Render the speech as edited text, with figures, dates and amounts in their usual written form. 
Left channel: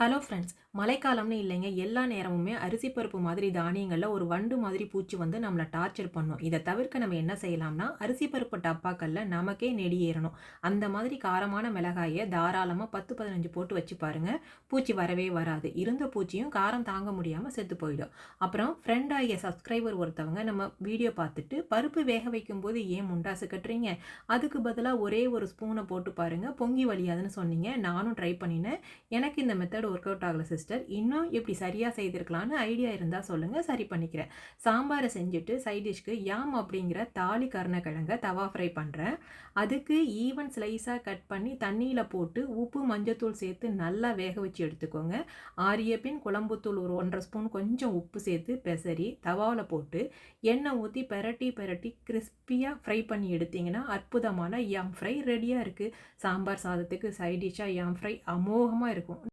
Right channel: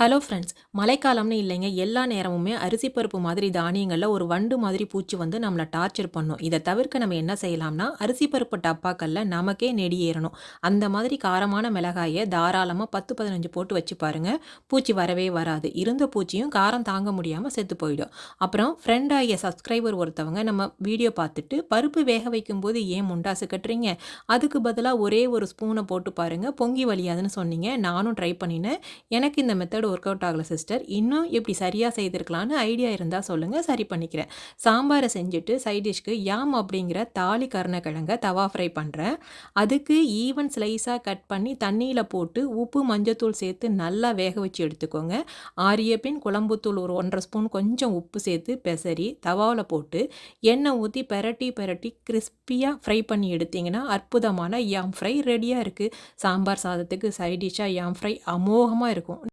Hello friends. மழைக்காலம்னு இல்லைங்க. எல்லா நேரமுமே அரிசி பருப்பு மாதிரி தானியங்கள்ல ஒரு வண்டு மாதிரி பூச்சி வந்து நம்மள டார்ச்சர் பண்ணும். இத தவிர்க்க நம்ம என்ன செய்யலாம்னா, அரிசி பருப்பு டப்பாக்கள்ல நமக்கே நெடி ஏறணும். அந்த மாதிரி காரமான மிளகாய தாராளமா 10, 15 போட்டு வச்சு பாருங்க. பூச்சி வரவே வராது. இருந்த பூச்சியும் காரம் தாங்க முடியாம செத்து போயிடும். அப்புறம் ஃப்ரெண்ட் ஆகிய சப்ஸ்கிரைபர் ஒருத்தவங்க நம்ம வீடியோ பார்த்துட்டு, "பருப்பு வேக வைக்கும்போது ஏன் முண்டாசு கட்டுறீங்க? அதுக்கு பதிலா ஒரே ஒரு ஸ்பூன போட்டு பாருங்க. பொங்கி வழியாதுன்னு" சொன்னீங்க. நானும் ட்ரை பண்ணினேன். எனக்கு இந்த மெத்தட் ஒர்க் அவுட் ஆகல சிஸ்டர். இன்னும் எப்படி சரியா செய்திருக்கலான்னு ஐடியா இருந்தா சொல்லுங்க. சரி பண்ணிக்கிறேன். சாம்பார செஞ்சுட்டு சைட் டிஷ்க்கு யாம் அப்படிங்கிற தாலி கருணக்கிழங்க தவா ஃப்ரை பண்றேன். அதுக்கு ஈவன் ஸ்லைஸா கட் பண்ணி தண்ணீல போட்டு உப்பு, மஞ்சத்தூள் சேர்த்து நல்லா வேக வச்சு எடுத்துக்கோங்க. ஆறிய பின் குழம்புத்தூள் ஒரு 1 1/2 ஸ்பூன் கொஞ்சம் உப்பு சேர்த்து பெசரி தவாவுல போட்டு எண்ணெய் ஊத்தி பெரட்டி பெரட்டி கிரிஸ்பியா ஃப்ரை பண்ணி எடுத்தீங்கன்னா, அற்புதமான யாம் ஃப்ரை ரெடியா இருக்கு. சாம்பார் சாதத்துக்கு சைட் டிஷ்ஷா யாம் ஃப்ரை அமோகமா இருக்கும்.